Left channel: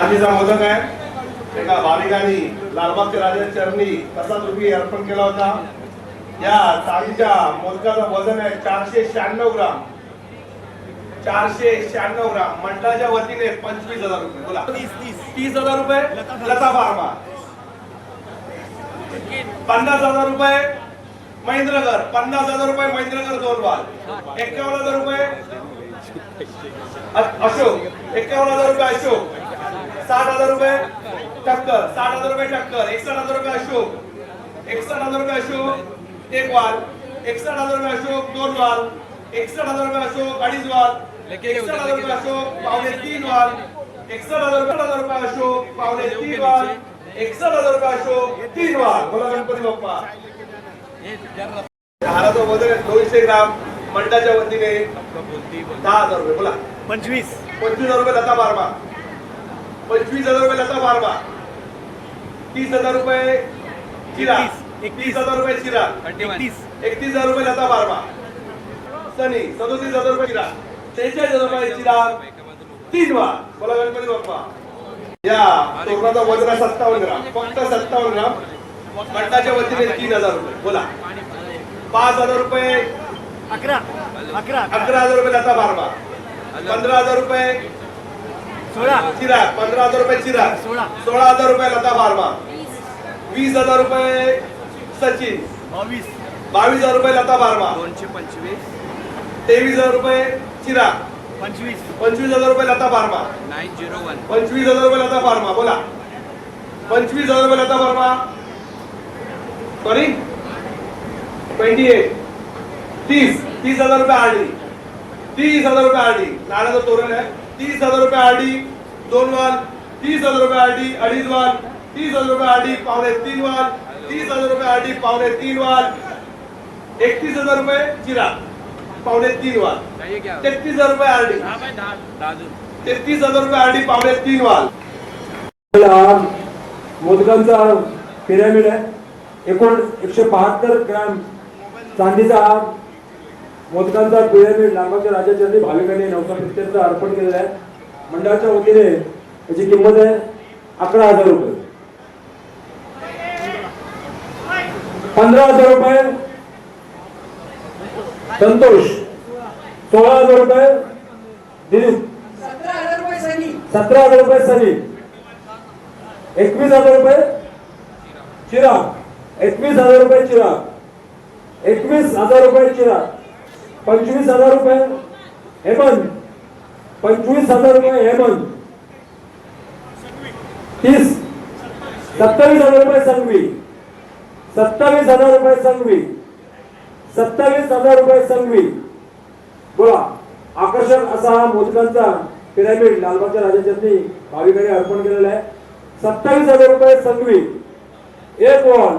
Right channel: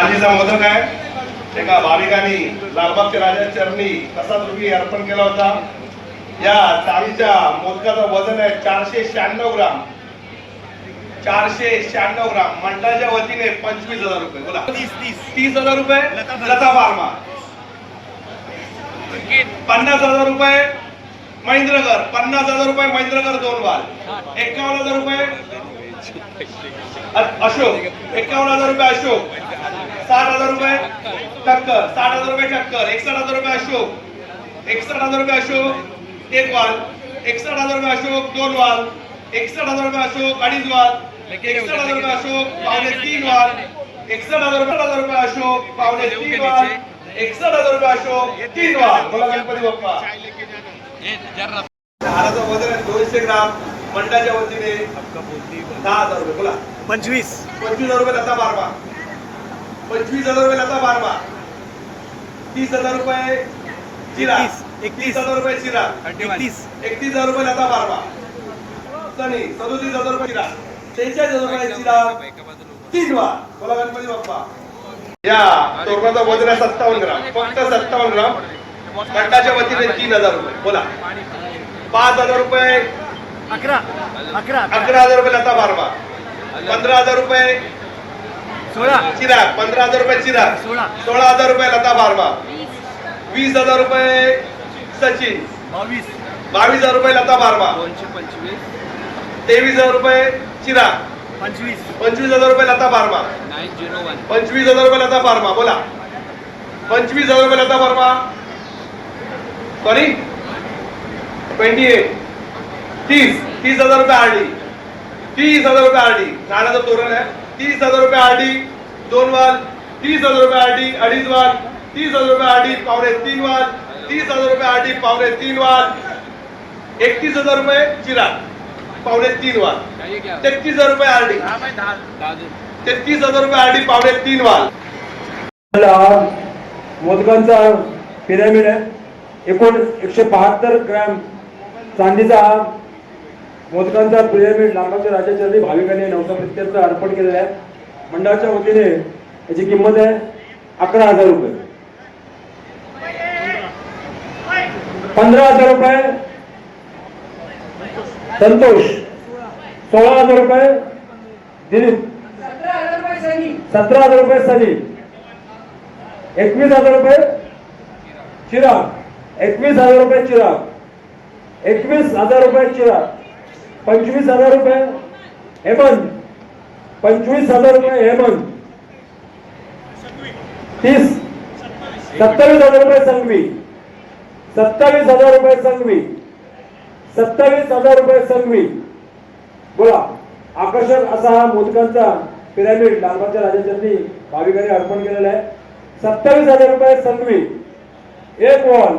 चांदीचा मोदक आहे. एका भाविकांनी लालबागच्या राजा चरणी तसाच रुपये अर्पण केला होता? या चाळीच्या मोदकाचं वजन आहे चारशे शहाण्णव ग्राम. चारशे शहाण्णव ग्राम. मंडळाच्या वतीने पंचवीस हजार रुपये. बोला. तीस हजार रुपये? लता बारमा. पन्नास हजार रुपये? महेंद्रकर पन्नास हजार रुपये महेंद्रकर दोन वार एकावन्न हजार रुपये? अशोक. एकावन्न हजार रुपये अशोक. साठ हजार रुपये टक्कर साठ हजार रुपये टक्कर एकसठ हजार रुपये अशोक एकसठ हजार रुपये अशोक एक वाल एकसठ हजार रुपये अशोक दोन वाल एकसठ हजार रुपये अशोक अडीच वाल एकसठ हजार रुपये अशोक पावणे तीन वाल एकसठ हजार रुपये हजार रुपये अशोक पावणे तीन वाल एकसठ हजार रुपये अशोक तीन वाल. बोला गणपती बाप्पा. हाराचं वजन आहे दोनशे ग्राम मंडळाच्या वतीने दहा हजार रुपये. बोला. पंचवीस. पंचवीस हजार रुपये लता बारबा. पंचवीस हजार रुपये लता बारबा. तीस हजार रुपये चिरा एकतीस, एकतीस. तीस हजार रुपये चिरा एकतीस एकतीस हजार रुपये लता बारबा. सनी सदोतीस हजार रुपये चिरा शेहेचाळीस हजार रुपये चिरा तीन वा. बोला गणपती बाप्पा. या तोरणाचा वजन आहे सत्तावन्न ग्राम. फक्त सत्तावन्न ग्राम. मंडळाच्या वतीने तीन हजार रुपये. बोला. पाच हजार रुपये. अकरा. अकरा अकरा हजार रुपये लता बारबा. पंधरा हजार रुपये. सोळा चिराग पंधरा हजार रुपये चिराग सोळा. हजार रुपये लता बारमा वीस हजार रुपये सचिन बावीस बावीस हजार रुपये लता बारमा दोनशे पंचवीस तेवीस हजार रुपये चिराग पंचवीस पंचवीस हजार रुपये लता बारमा नाईन झिरो वन पंचवीस हजार रुपये लता बारमा बोला पंचवीस हजार रुपये लता बारमा सॉरी ट्वेंटी एट तीस तीस हजार रुपये आरडी तीस हजार रुपये आरडी झाडाचं तोरण आहे तीस हजार रुपये आरडी दोन वाल तीस हजार रुपये आरडी अडीच वाल तीस हजार रुपये आरडी पावणे तीन वाल तीस हजार रुपये आरडी पावणे तीन वाल एकतीस हजार रुपये चिरा पावणे तीन वाल तेहतीस हजार रुपये आरडी तेहतीस हजार रुपये आरडी पावणे तीन वाल. मोदकांचा पिरॅमिड आहे. एकूण एकशे बहात्तर ग्रॅम चांदीचा मोदकांचा पिरॅमिड लांबाच्या राजाचरणी भाविकांनी नवसा प्रत्यर्थ अर्पण केलेला आहे. मंडळाच्या वतीने याची किंमत आहे अकरा हजार रुपये. पंधरा हजार रुपये. संतोष सोळा हजार रुपये. दिलीप सतरा हजार रुपये सनी. एकवीस हजार रुपये चिराग. एकवीस हजार रुपये चिराग. एकवीस हजार रुपये चिराग. पंचवीस हजार रुपये. हेमंत पंचवीस हजार रुपये हेमंत तीस. सत्तावीस हजार रुपये संघवी. सत्तावीस हजार रुपये संघवी. सत्तावीस हजार रुपये संघवी. बोला. आकर्षक असा हा मोदकांचा पिरामिड लालबागच्या राजाचरणी भाविकांनी अर्पण केलेला आहे. सत्तावीस हजार रुपये संघवी. एक वॉल.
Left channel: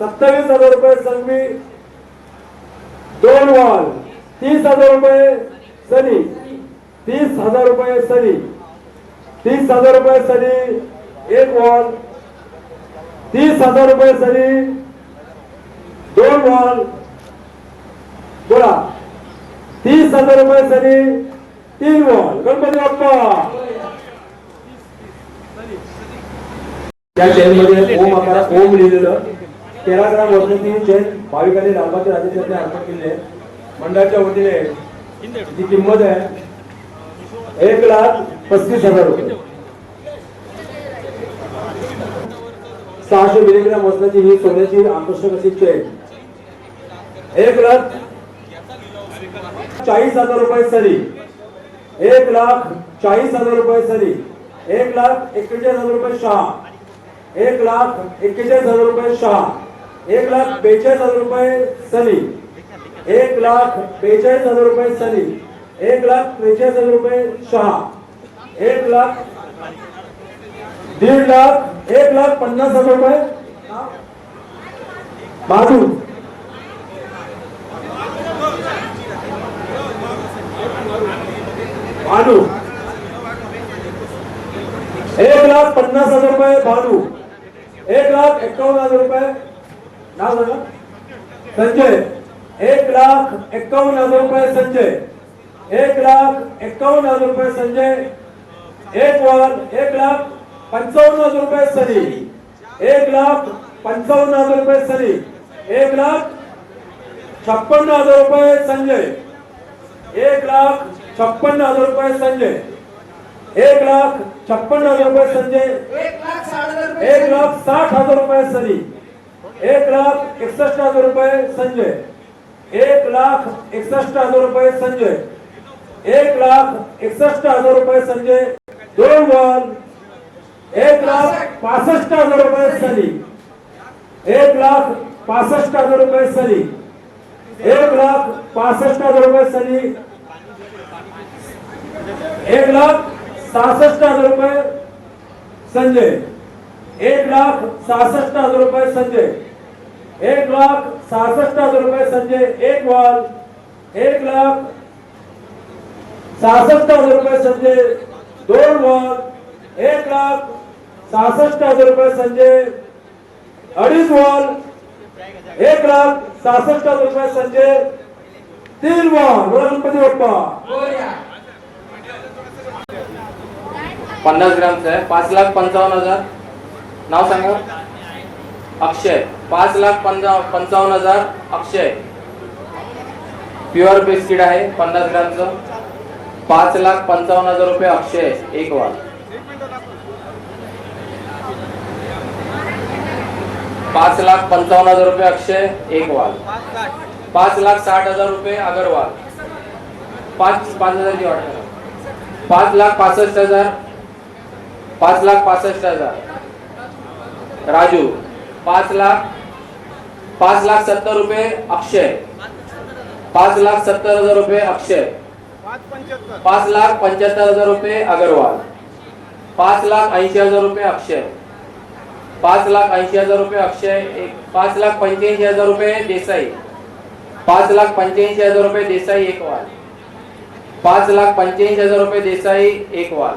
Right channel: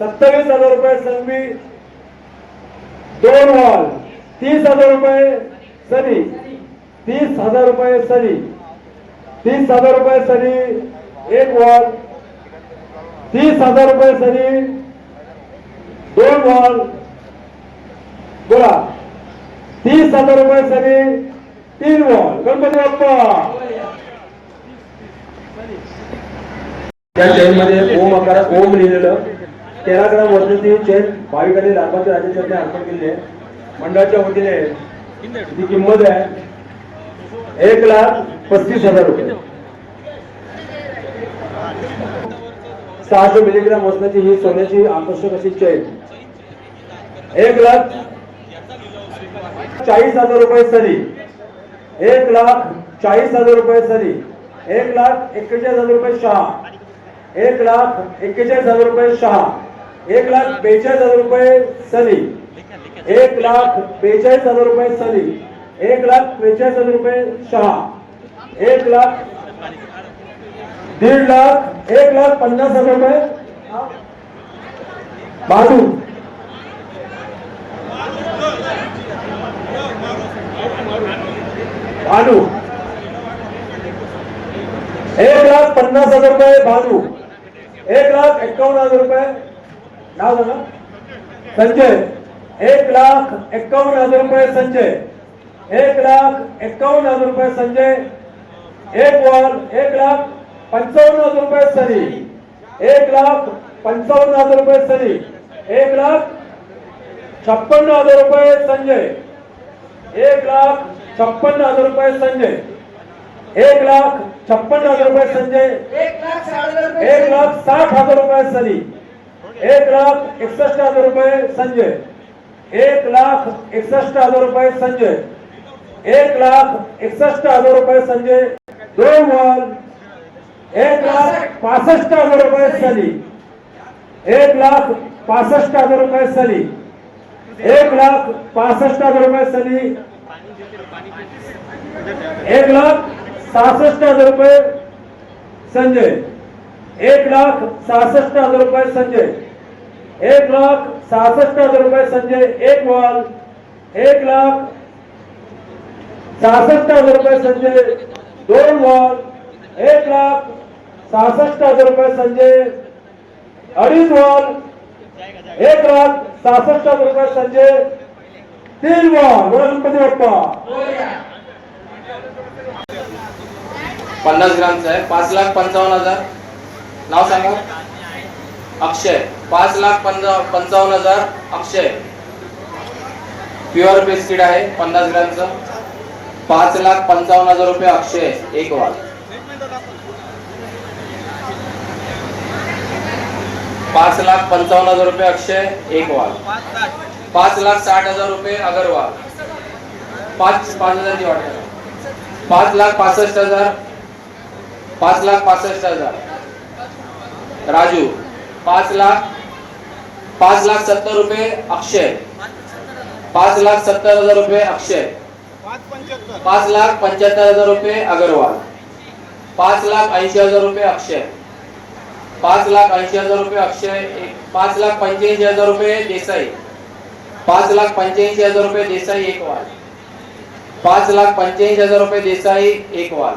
सत्तावीस हजार रुपये संघवी. दोन वॉल. तीस हजार रुपये सरी. तीस हजार रुपये सरी. तीस हजार रुपये सरी एक वॉल. तीस हजार रुपये सरी दोन वॉल. बोला. तीस हजार रुपये सरी तीन वॉल. गणपती बाप्पा. त्या चेन मध्ये ओम आकारात ओम लिहिलेलं. तेरा ग्राम वजनाची चेन भाविकांनी लालबागच्या राजाचरणी अर्पण केली आहे मंडळाच्या वतीने जी किंमत आहे एक लाख पस्तीस हजार रुपये. सहाशे मिलीग्राम वजनाची ही सोन्याची आकर्षक अशी चेन. एक लाख चाळीस हजार रुपये सरी. एक लाख चाळीस हजार रुपये सरी. एक लाख एक्केचाळीस हजार रुपये शहा. एक लाख एक्केचाळीस हजार रुपये शहा. एक लाख बेचाळीस हजार रुपये सनी. एक लाख बेचाळीस हजार रुपये सनी. एक लाख त्रेचाळीस हजार रुपये शहा. एक लाख दीड लाख एक लाख पन्नास हजार रुपये बाजू. भानू एक लाख पन्नास हजार रुपये भानू एक लाख एक्कावन्न हजार रुपये नाव संजय एक लाख एक्कावन्न हज़ार रुपये संजय एक लाख एक्कावन्न हज़ार रुपये संजय एक वाल एक लाख पंचावन्न हज़ार रुपये सनी एक लाख पंचावन्न हज़ार रुपये सनी एक लाख छप्पन्न हज़ार रुपये संजय एक लाख छप्पन्न हज़ार रुपये संजय एक लाख छप्पन्न हज़ार रुपये संजय एक लाख साठ हज़ार रुपये सनी। एक लाख एकसष्ट हज़ार रुपये संजय। एक लाख एकसष्ट हज़ार रुपये संजय। एक लाख एकसष्ट हज़ार रुपये संजय। दोन एक लाख पासष्ट हज़ार रुपये सनी। एक लाख पासष्ट हज़ार रुपये सनी। एक लाख पासष्ट हज़ार रुपये सनी। एक लाख सहासष्ट हज़ार रुपये संजय। एक लाख सहासष्ट हज़ार रुपये संजय। एक लाख सहासष्ट हज़ार रुपये संजय एक वाल एक लाख सहासष्ट हज़ार रुपये संजय दोन वॉल एक लाख सहासष्ट हज़ार रुपये संजय अडीच वॉल एक लाख सहासष्ट हज़ार रुपये संजय तीन वॉल गणपती बाप्पा पन्नास ग्रामचं आहे पाच लाख पंचावन्न हज़ार। नाव सांगा। अक्षय पाच लाख पंचा पंचावन्न हजार अक्षय. प्युअर बिस्किट आहे पन्नास ग्रामचं. पाच लाख पंचावन्न हजार रुपये अक्षय एक वाल. पाच लाख पंचावन्न हजार रुपये अक्षय एक वाल. पाच लाख साठ हजार रुपये अगरवाल. पाच पाच हजार वाटत पाच लाख पासष्ट हजार. पाच लाख पासष्ट हजार. राजू. पाच लाख पाच लाख सत्तर रुपये अक्षय पाच लाख सत्तर हजार रुपये अक्षय पाच लाख पंच्याहत्तर हजार रुपये अगरवाल. पाच लाख ऐंशी हजार रुपये अक्षय पाच लाख ऐंशी हजार रुपये अक्षय पाच लाख पंच्याऐंशी हजार रुपये देसाई. पाच लाख पंच्याऐंशी हजार रुपये देसाई एक वाल पाच लाख पंच्याऐंशी हजार रुपये देसाई एक वाल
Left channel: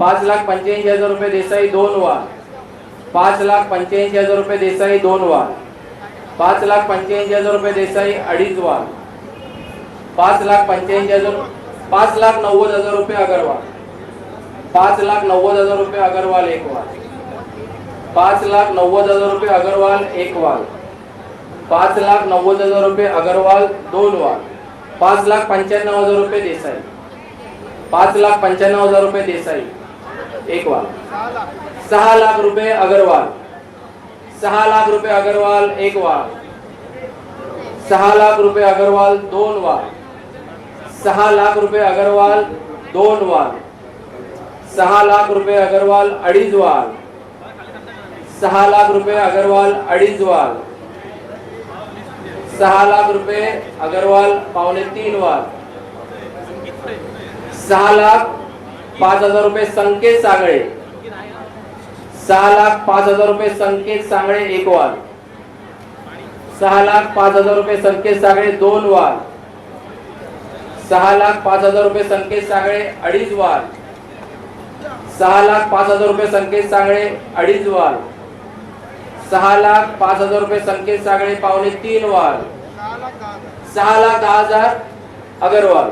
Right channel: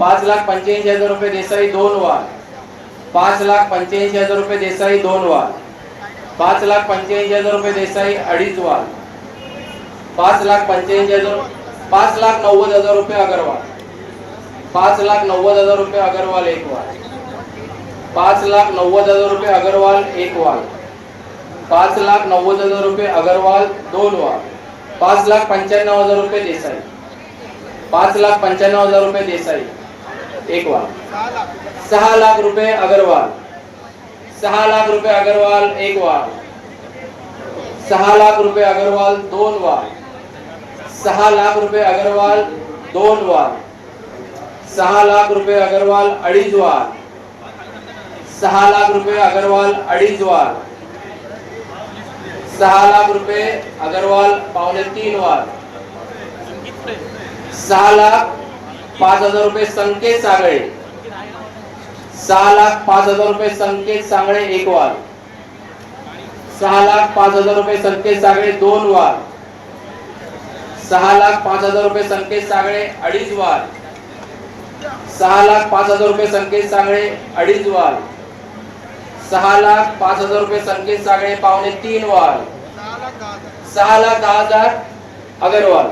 पाच लाख पंच्याऐंशी हजार रुपये देसाई दोन वाल पाच लाख पंच्याऐंशी हजार रुपये देसाई दोन वाल. पाच लाख पंच्याऐंशी हजार रुपये देसाई अडीच वाल. पाच लाख पंच्याऐंशी हजार पाच लाख नव्वद हजार रुपये अगरवाल. पाच लाख नव्वद हजार रुपये अगरवाल एक वाल. पाच लाख नव्वद हजार रुपये अगरवाल एक वाल. पाच लाख नव्वद हजार रुपये अगरवाल दोन वाल. पाच लाख पंच्याण्णव हजार रुपये देसाई. पाच लाख पंच्याण्णव हजार रुपये देसाई. एक वाल सहा लाख रुपये अगरवाल. सहा लाख रुपये अगरवाल एक वाल. सहा लाख रुपये अगरवाल दोन वाल. सहा लाख रुपये अगरवाल दोन वाल. सहा लाख रुपये अगरवाल अडीच वाल. सहा लाख रुपये अगरवाल अडीच वाल. सहा लाख रुपये अगरवाल पावणे तीन वाल. सहा लाख पाच हजार रुपये संकेत सागळे. सहा लाख पाच हजार रुपये संकेत सांगळे एक वाल. सहा लाख पाच हजार रुपये संकेत सागळे दोन वाल. सहा लाख पाच हजार रुपये संकेत सागळे अडीच वाल. सहा लाख पाच हजार रुपये संकेत सागळे अडीच वाल. सहा लाख पाच हजार रुपये संकेत सागळे पावणे तीन वाल. सहा लाख दहा हजार अगरवाल.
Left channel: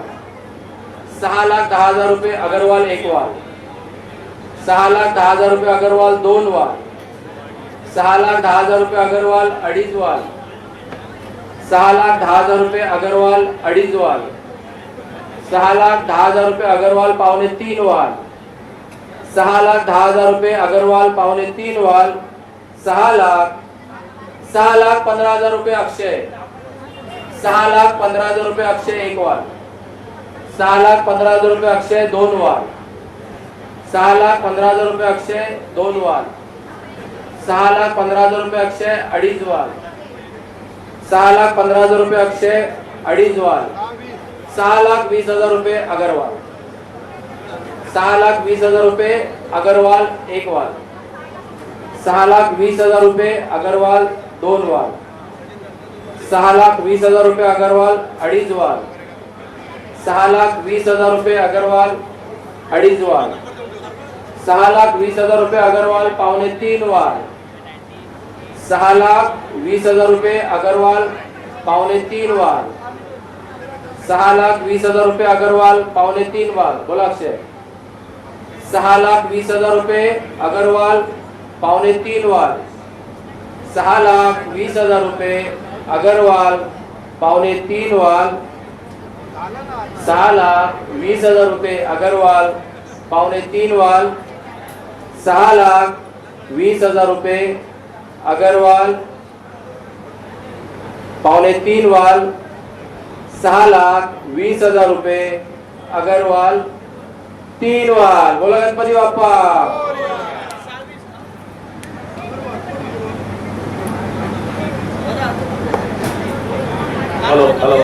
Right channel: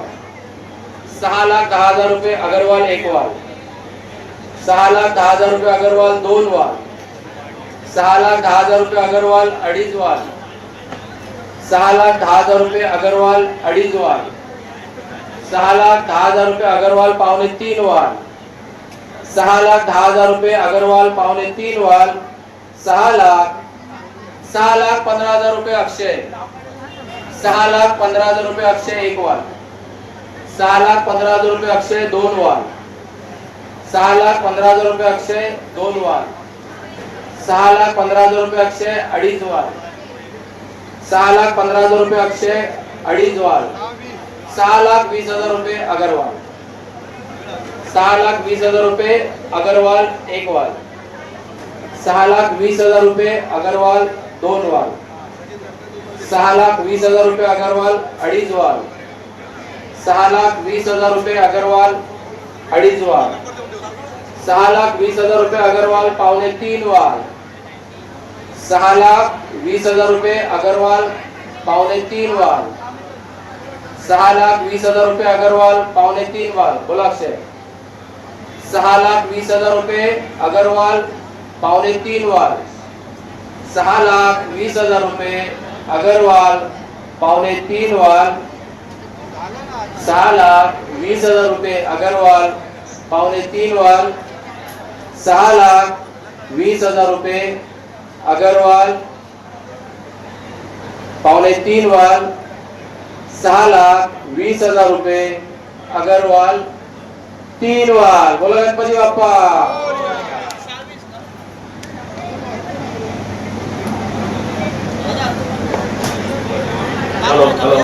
सहा लाख दहा हजार रुपये अगरवाल एक वाल. सहा लाख दहा हजार रुपये अगरवाल दोन वाल. सहा लाख दहा हजार रुपये अगरवाल अडीच वाल. सहा लाख दहा हजार रुपये अगरवाल अडीच वाल. सहा लाख दहा हजार रुपये अगरवाल पावणे तीन वाल. सहा लाख दहा हजार रुपये अगरवाल पावणे तीन वाल. सहा लाख सहा लाख पंधरा हजार रुपये अक्षय. सहा लाख पंधरा हजार रुपये अक्षय एक वाल. सहा लाख पंधरा हजार रुपये अक्षय दोन वाल. सहा लाख पंधरा हजार रुपये अक्षय दोन वाल. सहा लाख पंधरा हजार रुपये अक्षय अडीच वाल. सहा लाख पंधरा हजार रुपये अक्षय अडीच वाल. सहा लाख वीस हजार रुपये अगरवाल. सहा लाख वीस हजार रुपये अगरवाल एक वाल. सहा लाख वीस हजार रुपये अगरवाल दोन वाल. सहा लाख वीस हजार रुपये अगरवाल अडीच वाल. सहा लाख वीस हजार रुपये अगरवाल अडीच वाल. सहा लाख वीस हजार रुपये अगरवाल पावणे तीन वाल. सहा लाख वीस हजार रुपये अगरवाल पावणे तीन वाल. सहा लाख वीस हजार रुपये अगरवाल पावणे तीन वाल. बोला अक्षय सहा लाख वीस हजार रुपये अगरवाल पावणे तीन वाल. सहा लाख वीस हजार रुपये अगरवाल पावणे तीन वाल. सहा लाख वीस हजार रुपये अगरवाल पावणे तीन वाल सहा लाख वीस हजार रुपये अगरवाल पावणे तीन वाल सहा लाख वीस हजार रुपये अगरवाल तीन वाल. बोला गणपती बाप्पा.